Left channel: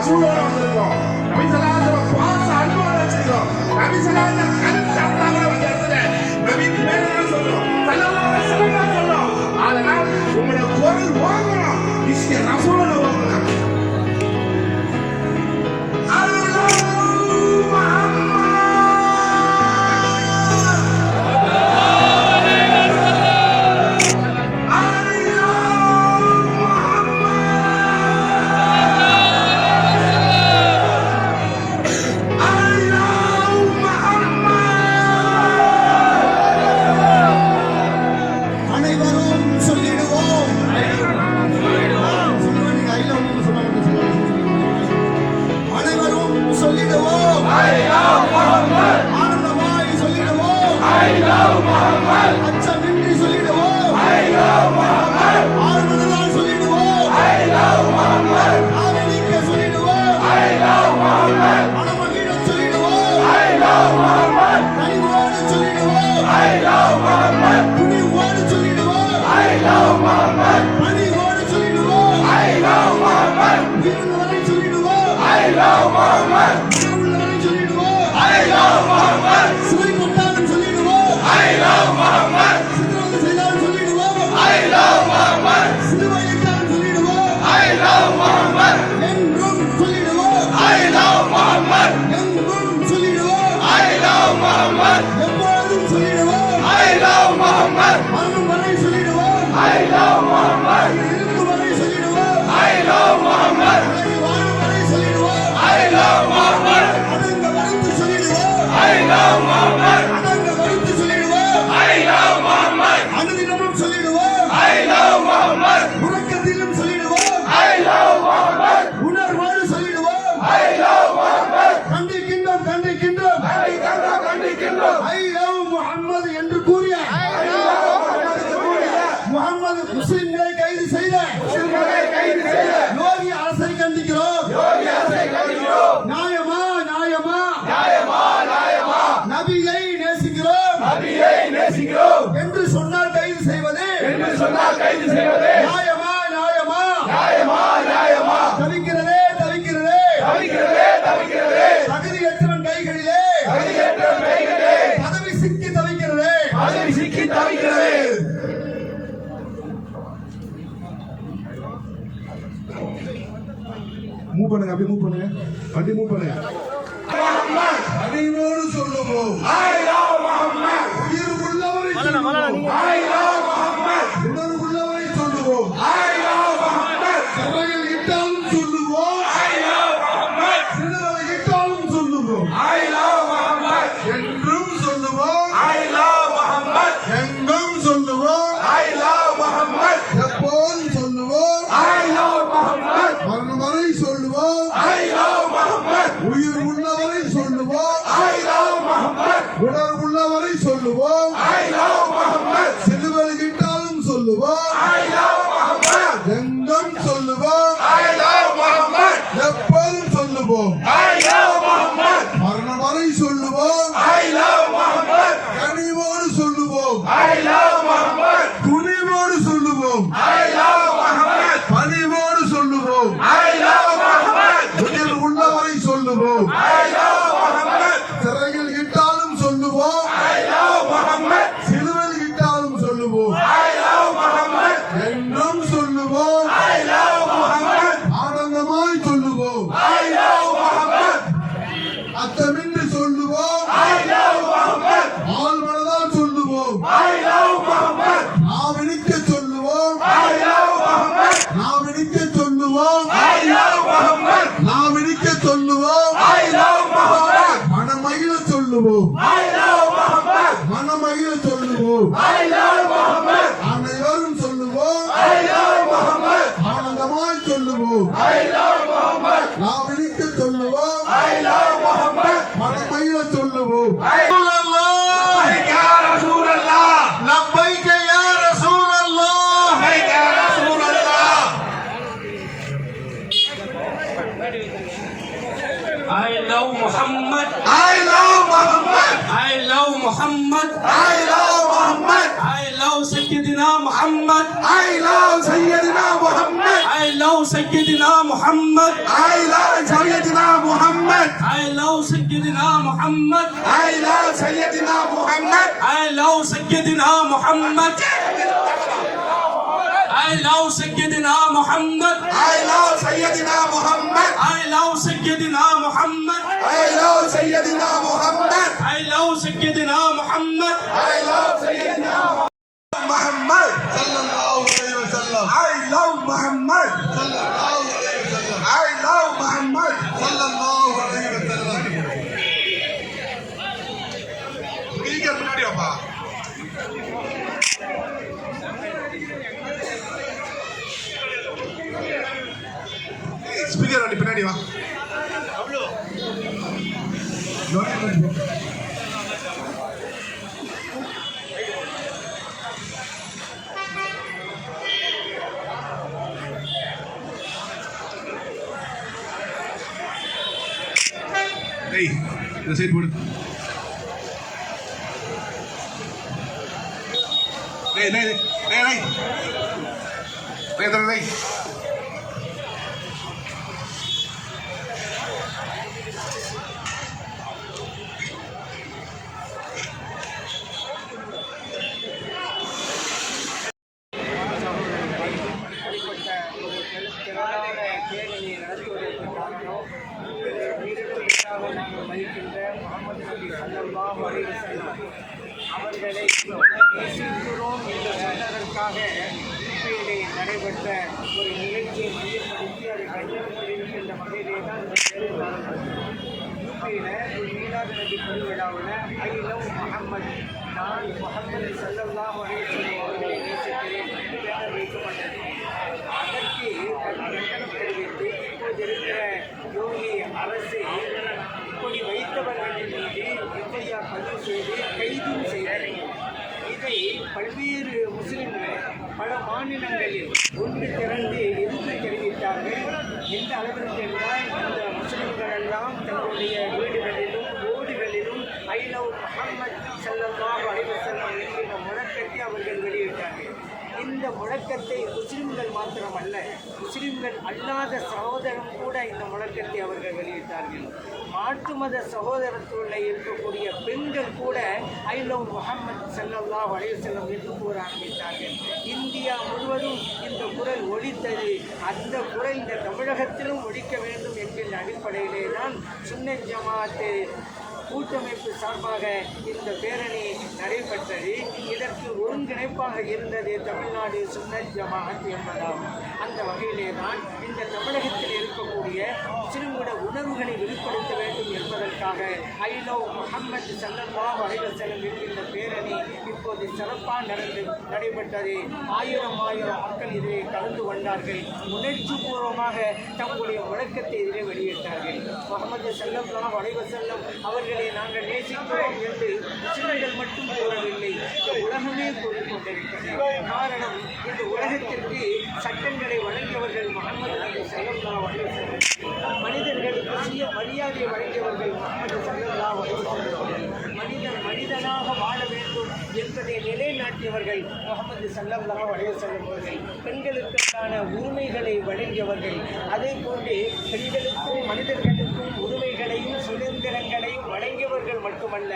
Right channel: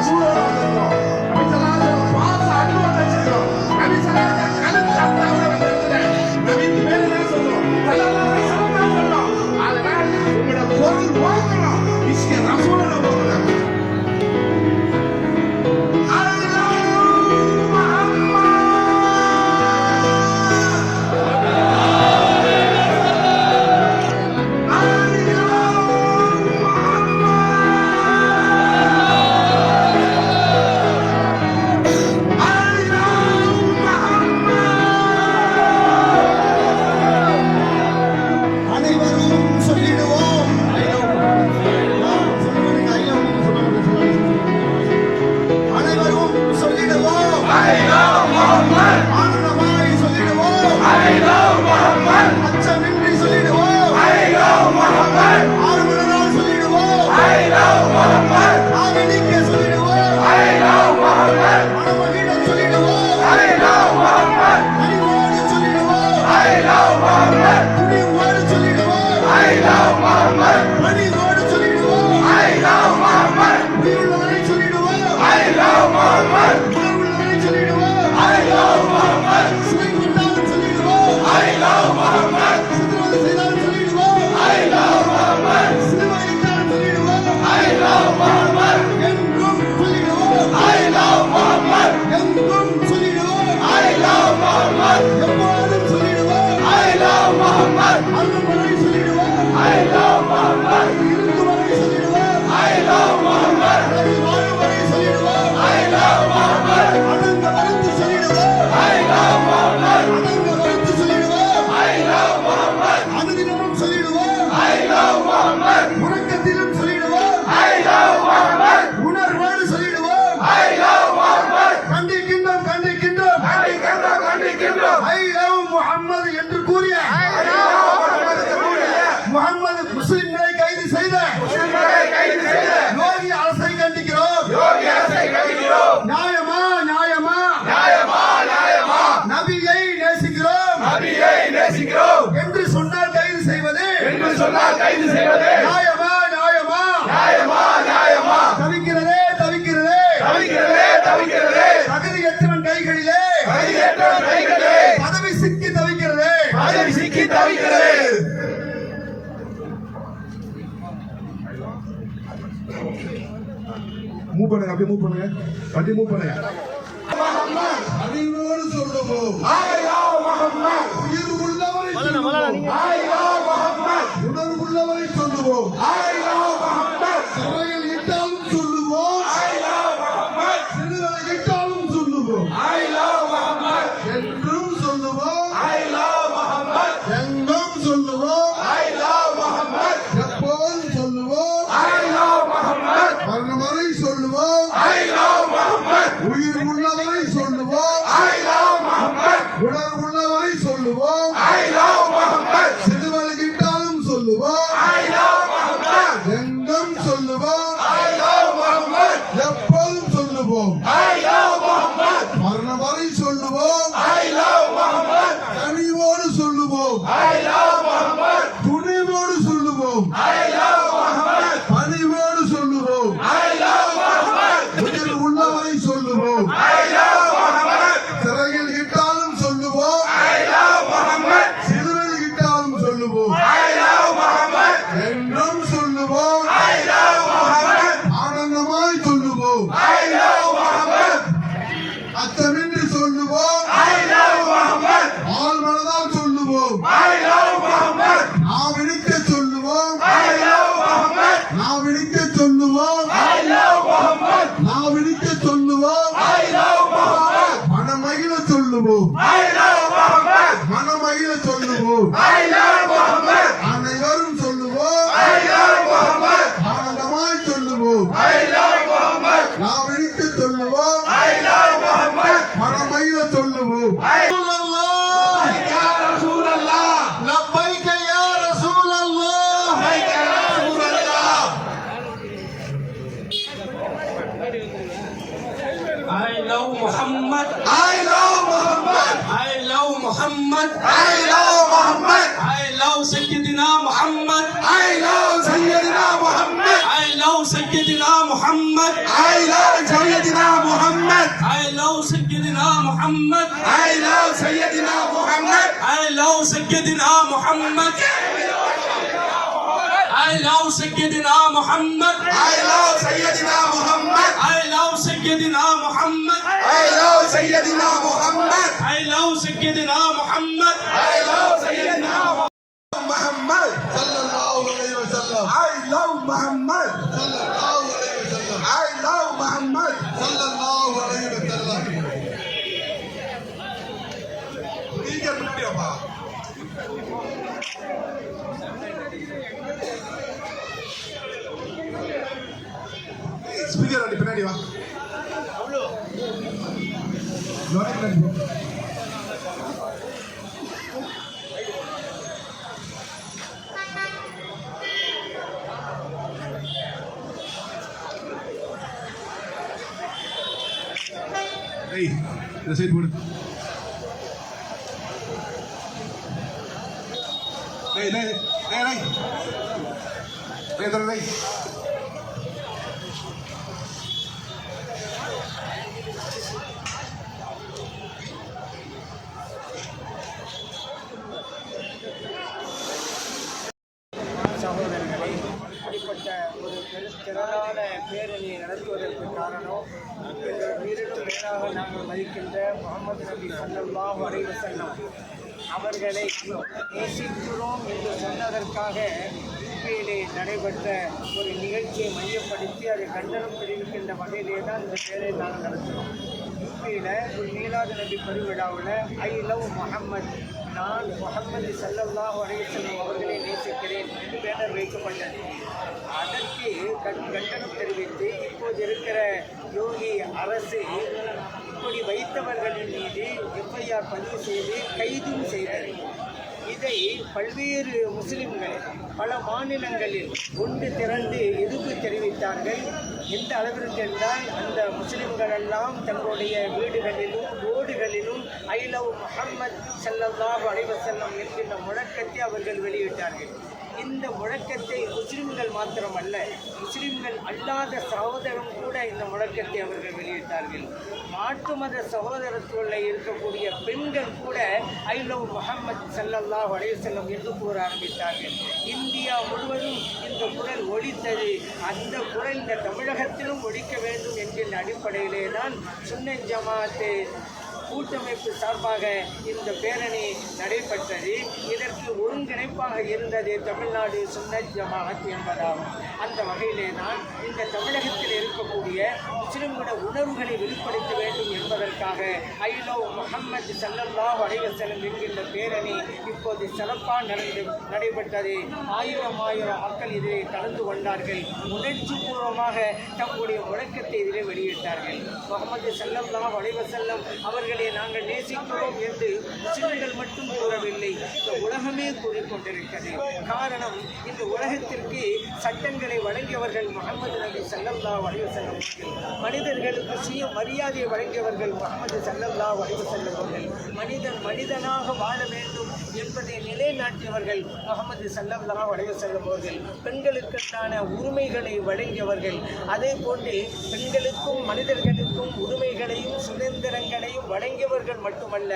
அவ்வளோ வந்திருக்கோம் நபிசலாஜோட பாச அனுபவம் வச்சிருக்கோம் உங்களோட பொருள் வாங்கணும் sonido. ¡Ay, I love Muhammad என்று கூறி மூவ் பண்ணுங்க அப்படியே மூவ் பண்ணுங்க. அப்படியே மூவ் பண்ணுங்க. உயிர் உள்ளவரை சொல்லுவோம் move. محمد I love سيدنا محمد I love سيدنا محمد I love سيدنا محمد I love سيدنا محمد I love سيدنا محمد I love سيدنا محمد I love سيدنا محمد I love سيدنا محمد I love سيدنا محمد I love سيدنا محمد صلى الله عليه وسلم I love محمد side ಬಿಡು ರೈ ರೈ ರೈ ರೈ ರೈ நடைபெற்ற ஒரு நிகழ்ச்சியை மையப்படுத்தி அதை கண்டனம் தெரிவிக்கின்ற வகையிலே தான் இந்த வேலை நடந்தது யூபியில் ஒரு மீலாது நபி பெருவிழாவில் ஐ லவ் முகமது நான் முகமது சல்லல்லாஹு அலைஹி வஸல்லம் அவர்களை நேசிக்கிறேன் என்று பேனர் வைக்கப்பட்டது. அதற்கு கண்டனம் தெரிவித்து இப்போது இருக்கிற யோகி அரசு இப்படி வைத்தவர்களின் மீது எஃப்ஐஆர் பதிவு செய்து கைதும் செய்தது. இதை பல்வேறு முஸ்லிம்கள் பல மாநிலங்களில் ஒன்று திரண்டு எதிர்ப்பு தெரிவித்தார்கள். எந்த அளவிற்கு என்றால் அந்த முஸ்லிம்கள் எல்லாம் தங்களுடைய வீடுகளிலும் ரோடுகளிலும் ஐ லவ் முஹம்மத் ஸல்லல்லாஹு அலைவசல்லம் என்கின்ற முழக்கத்தை அவர்கள் வெளியிட்டார்கள். இந்த முழக்கத்தை முஸ்லிம்கள் மாத்திரமல்ல முஸ்லிம்கள் அல்லாத சகோதரம் கூட இந்த முழக்கத்தை அவர்கள் வெளியிட்டார்கள். மாட்டு மத சகோதரத்துள்ள இருக்கக்கூடிய பெண்கள் கூட ஐ லவ் முகமது ஸல்லல்லாஹு அலைஹி என்று கூற ஆரம்பித்தார்கள் இந்தியா முழுவதும் இந்த குரல் ஒழித்தது அந்த குரல் இந்த தமிழகத்திலும் ஒழிக்க வேண்டும் என்கின்ற அடிப்படையிலே தான் சுன்ன ஜமாத்து கூட்டமைப்பு சார்பாக இந்த பேரணி நடைபெற்றது. இதற்கு ஒருங்கிணைப்பாக இருந்தது தமிழ்நாடு சுன்னத் ஜமாத் என்பதாகும். அந்த வகையிலே தான் இந்த தமிழகத்தில் இருக்கக்கூடிய முஸ்லிம்கள உணர்வுகளை வெளிப்படுத்த வேண்டும் என்பதற்காக ஐலோ முஹம்மது சல்லல்லாஹு அலைஹி வஸல்லம் என்கின்ற பேரணி இப்போது சிறப்பாக நடந்து நடைபெற்றது. ஆயிரம் ஆயிரம் மக்கள் இதிலே கலந்து கொண்டார்கள். உணர்ச்சி பூர்வமாக தங்களுடைய முழக்கத்தை இதிலே வெளியிட்டார்கள். முகமது சல்லல்லா அலைஹி அவர்கள் அவர்களை நாங்கள் நேசிக்கிறோம் என்று முஸ்லிம்கள் மட்டும் கூறவில்லை. இந்த உலகமே கூறிக்கொண்டிருக்கிறது. காரணம் இந்த உலகத்திற்கு சட்டங்களை வழங்கியவர்கள் முகமது நபி சல்லல்லாஹு அலைஹி மனிதர்களுக்கு சுய மரியாதையை வழங்கியவர்கள் முகமது சல்லல்லாஹு அலைஹி மனிதன் மனிதனாக வாழ வேண்டும் என்பதை நிலைநாட்டியவர்கள் முகமது சல்லல்லாஹு அலைஹி வஸல்லம் அவர்கள். பெண்களுக்கான உரிமைகளை வழங்கியவர்கள். அதே போன்று பெண்களுக்கும் மனிதர்களுக்கும் உரிமைகளையும் சுதந்திரங்களையும் வழங்கியவர்கள் மட்டுமல்ல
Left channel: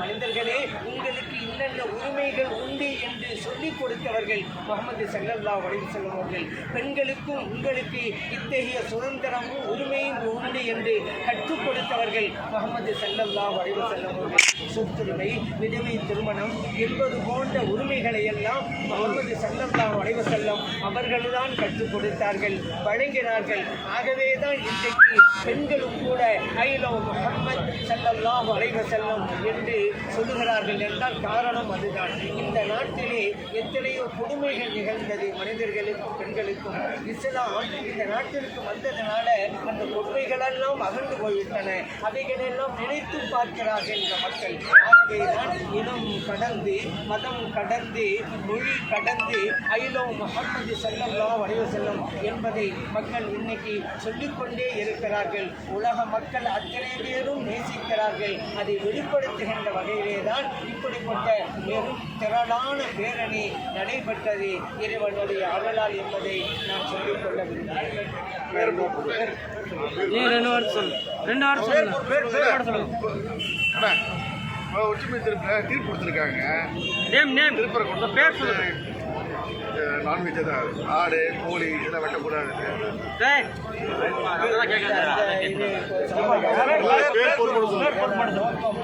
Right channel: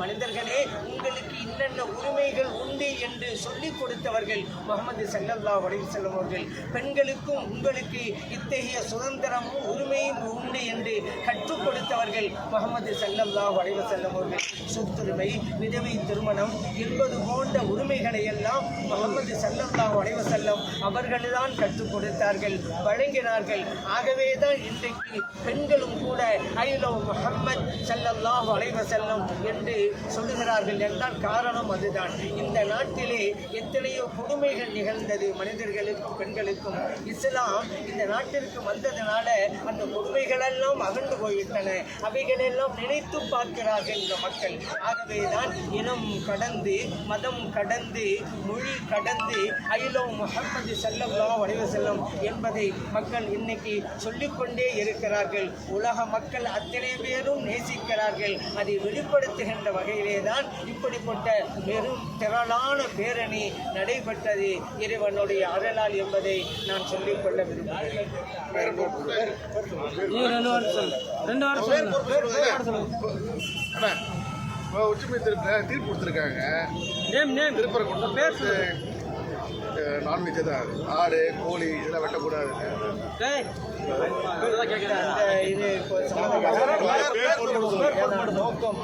மனிதர்களே உங்களுக்கு இன்னென்ன உரிமைகள் உண்டு என்று சொல்லிக் கொடுத்தவர்கள் முகமது செல்லல்லா வடிவு வஸல்லம் அவர்கள். பெண்களுக்கும் உங்களுக்கு இத்தகைய சுதந்திரமும் உரிமையும் உண்டு என்று கற்றுக் கொடுத்தவர்கள் முகமது செல்லல்லா வடிவு வஸல்லம் அவர்கள். சொத்துரிமை விதவை திருமணம் என்பது போன்ற உரிமைகளை எல்லாம் முகமது செல்லல்லா வடிவு செல்லும் அவர்கள்தான் கற்றுக் கொடுத்தார்கள் வழங்கினார்கள். ஆகவே தான் இன்றைக்கு பெண்களும் கூட ஐலோ செல்லம் சல்லல்லாஹு அலைஹி செல்லும் என்று சொல்லுகிறார்கள் என்றால் காரணம் அதுதான். இந்த நாட்டிலே எத்தனையோ கொடுமைகள் நிகழ்ந்தது மனிதர்களுக்கும் பெண்களுக்கும். இஸ்லாம் இந்த நாட்டிற்கு வந்ததனால அந்த கொடுமைகளெல்லாம் அகன்று போய்விட்டன. அவைகளெல்லாம் நினைத்து பார்க்கிறார்கள் இந்த மக்கள். ஆகவே தான் இனம் கடந்து மதம் கடந்து மொழி கடந்து ஐலோ முகமது செல்லம்லாம் வளைவு செல்லும் என்பதை மக்கள் இன்னைக்கு சொல்லிக்கொண்டே இருக்கிறார்கள். உலக மக்கள் அத்தனை பேரும் நேசிக்கிறார்கள் அதை வெளிப்படுத்துகின்ற வகையிலே தான் இப்படிப்பட்ட வெறும் திரளான பேரணி நடைபெற்றது இறைவனுடைய அருளால் என்பதை நான் சொல்லிக்கொள்ள விரும்புகிறேன். நீ ரெண்டு வாரம் சொல்லு. ரெண்டு வாரம் சொல்லு அண்ணா, உச்சமை தீர்ப்பு தீர்ப்பு கொடுத்துருக்காங்க. Name name. திருப்பரங்குன்றம். பேர் சொல்லுங்க. நான்வெஜ் தான் ஆடு கோழி இதெல்லாம் வெட்டக்கூடாது. நோக்கம்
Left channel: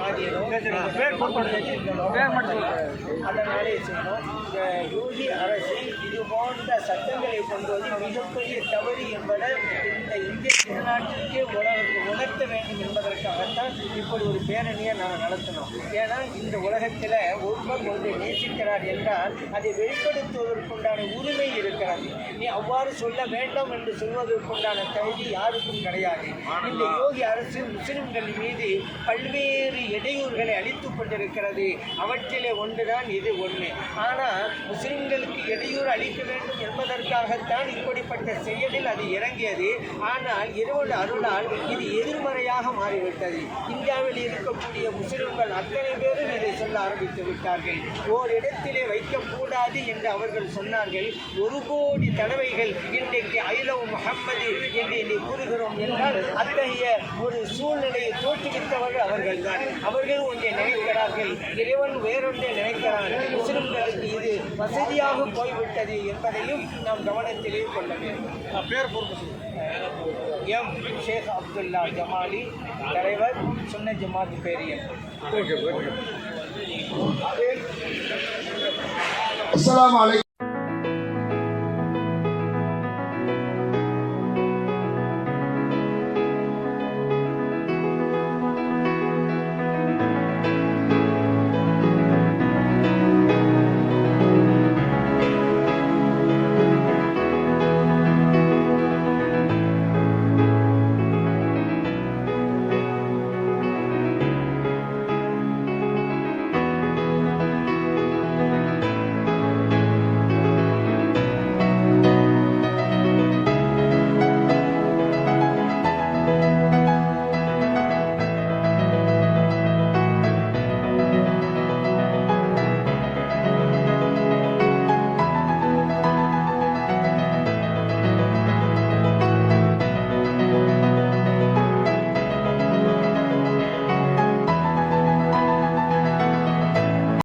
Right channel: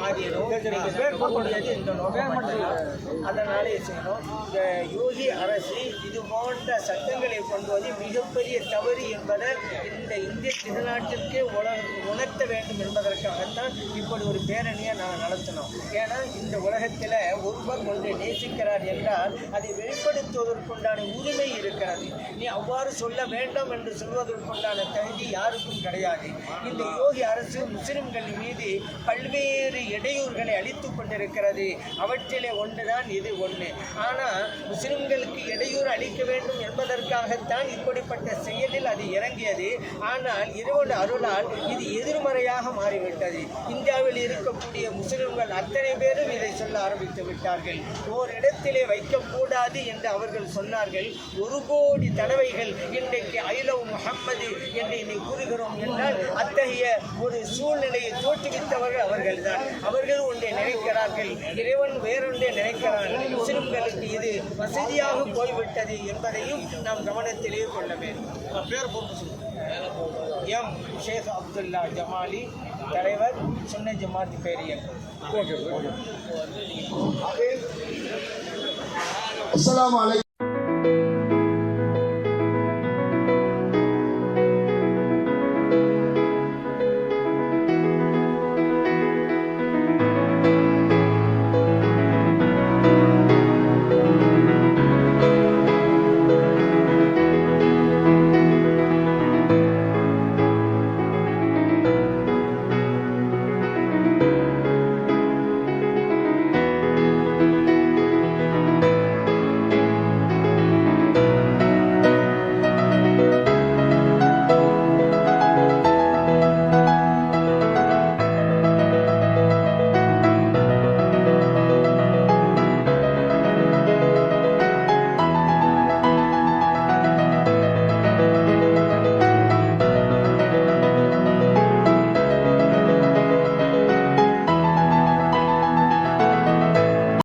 அதனாலே செய்யணும். இந்த யோகி அரசு இது போன்ற சட்டங்களை கொண்டு வந்து மிகப்பெரிய தவறு என்பதை இந்த இந்திய திருநாட்டிற்கே உணர் உணர்த்த வேண்டும் என்பதற்காகத்தான் இப்படி ஒரு பேரணியை நாங்கள் நடத்தினோம். ஏன்னா இந்த உலகத்தில் ஒருவர் ஒன்றை நேசிக்கிறார் என்றால் அதை வெளிப்படுத்துவதற்குண்டான உரிமை இருக்கிறது. நீ அவ்வாறு சொல்ல வேண்டாம் என்று சொல்வதற்குண்டான தகுதி யாருக்கும் கிடையாது. இந்த யோகி அரசு முஸ்லிம்கள் மீது பல்வேறு இடையூறுகளை அளித்துக் கொண்டிருக்கிறது. அவற்றிலே ஒன்றுதான் இது ஒன்று ஆனால் முஸ்லிம்களுக்கு இடையூறு அளிக்க வேண்டும் என்பதற்காகத்தான் இப்படிப்பட்ட செயலில் அது இறங்கியது. ஆனால் இறைவன் அருளால் இது எதிர்மறையாக மாறிவிட்டது. இந்தியாவில் இருக்கக்கூடிய முஸ்லிம்கள் அத்தனை பேரும் இதை சொல்ல ஆரம்பித்து விட்டார்கள். ஓரிடத்திலே வைக்கக்கூடாது என்று அவர்கள் சொன்னார்கள். ஒரு கோடி தடவைகள் இன்றைக்கு ஐலவ் முகம்மது என்று இதை கூறுகிறோம் என்றால் அத்தகைய ஒரு சூழ்நிலையை தோற்றுவித்தவர்கள் அவர்கள்தான். அவர்கள் ஒன்றை நினைக்கிறார்கள். இறைவன் வேறொன்றை நினைக்கிறார்கள் முஸ்லிம்களுக்கு இது வசதியாக போய்விட்டது என்பதையும் நாம் கவனத்திலே கொள்ள வேண்டும். பேர் பொறுப்பு எம் ஷேக் அப்துல்லா ஜமாலி தலைவர் சுன்ன ஜமாத் பேரியர் ஓகே ஓகே அஸ்ஸலாமு அலைக்கும்